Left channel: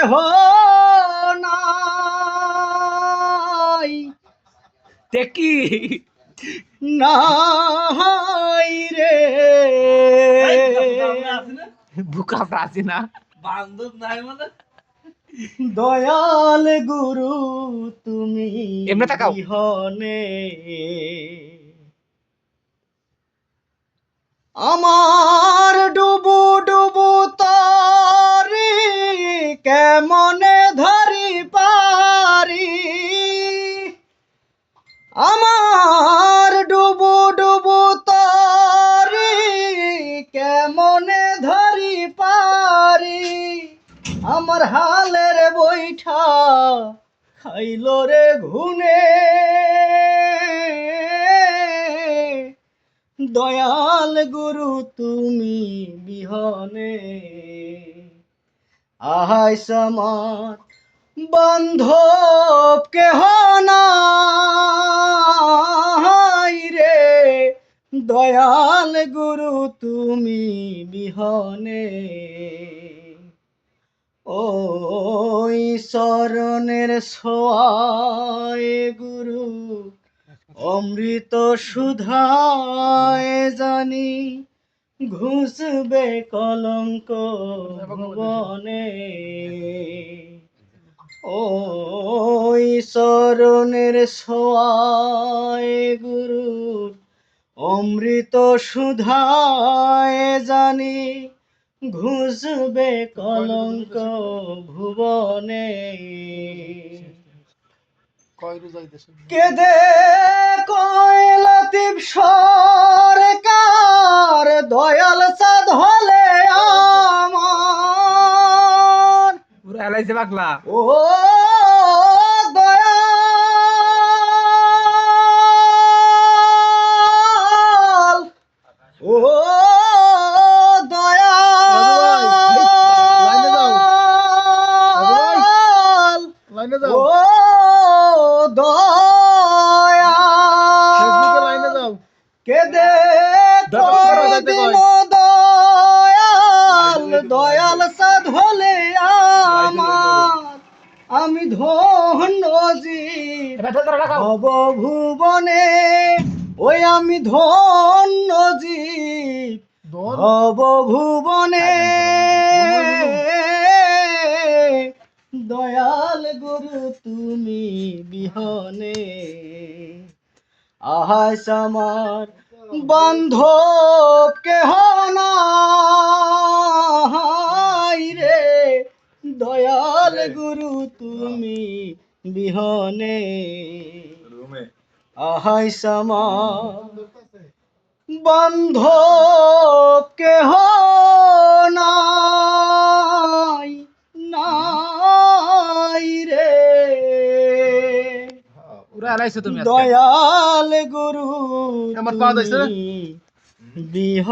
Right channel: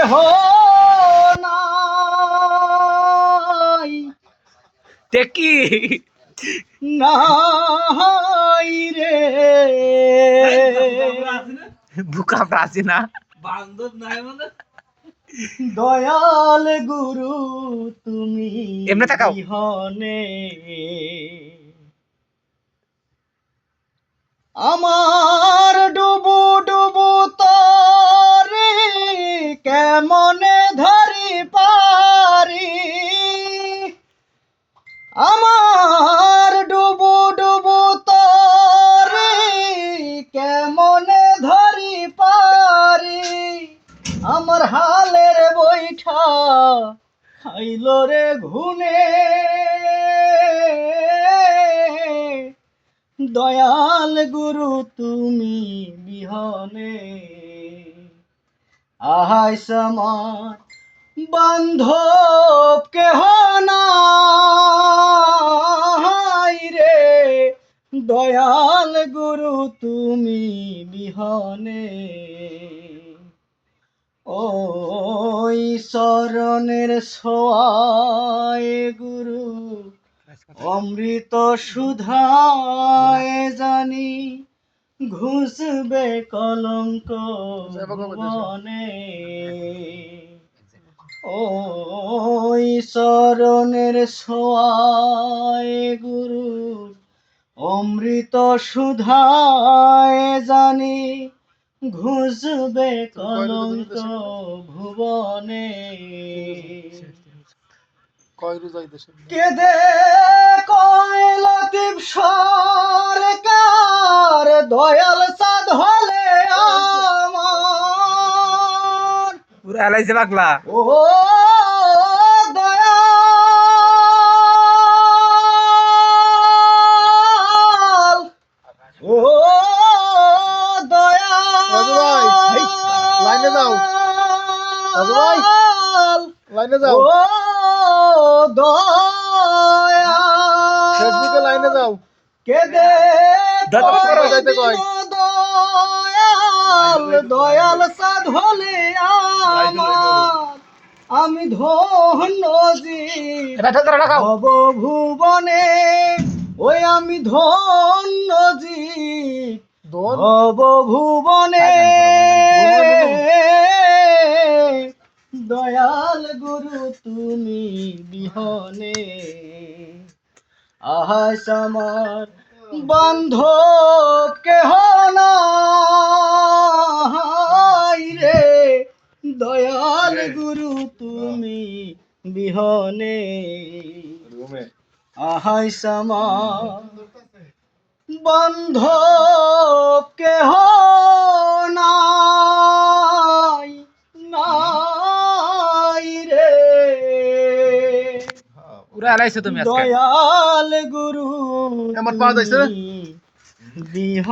কেহ নাই টেকি নাই রে বুকা প্রাচীনা বান্ধব নাই মানে দয়াল গুরু তুমি এমনে তাকাও। বিহনে আমার ডুবু ডুবু তরি কেমনে ধরি পারি আমার ডুবু ডুবু তরি কেমনে ধরি পারি আমার হালের বৈঠা খাইল রে ঘুনে দয়াল গুরু তুমি বিহনে আহাই সমার বান্ধব কেহ নাই রে দয়াল গুরু তুমি বিহনে ওই শরণের ছোঁয়ায় গুরু অমৃত সুধায় জানি ঘুষবে কলঙ্ক ভুবনে ওই শরণের ছোঁয়ায় গুরু অমৃত সুধায় জানি ঘুষবে কলঙ্ক ভুবনে কেদে কয় লতিফ সরকার দয়াল সাদ হলে আমার পুরা এলাইছে পাগলা ও দয়াল ও লাইনে যাও ও দয়াল লাইনে যাও কেদে দাদা করো, যাইতে কয়। দয়াল দয়াল সাধ হলে আমার আমি ধন্য জীব এটা ঠেলতে রাখাও ভব ভুবনে ওই আমি ধন্য জীব ভব ভুবনে দয়াল গুরু তুমি বিহনে আহাই আমার বান্ধব কেহ নাই রে দয়াল গুরু তুমি বিহনে আহাই আমার বান্ধব কেহ নাই নাই রে পুরা এলাইছে তুমি আজকে দয়াল গুরু আমার পা দিছে? তুমি বিহনে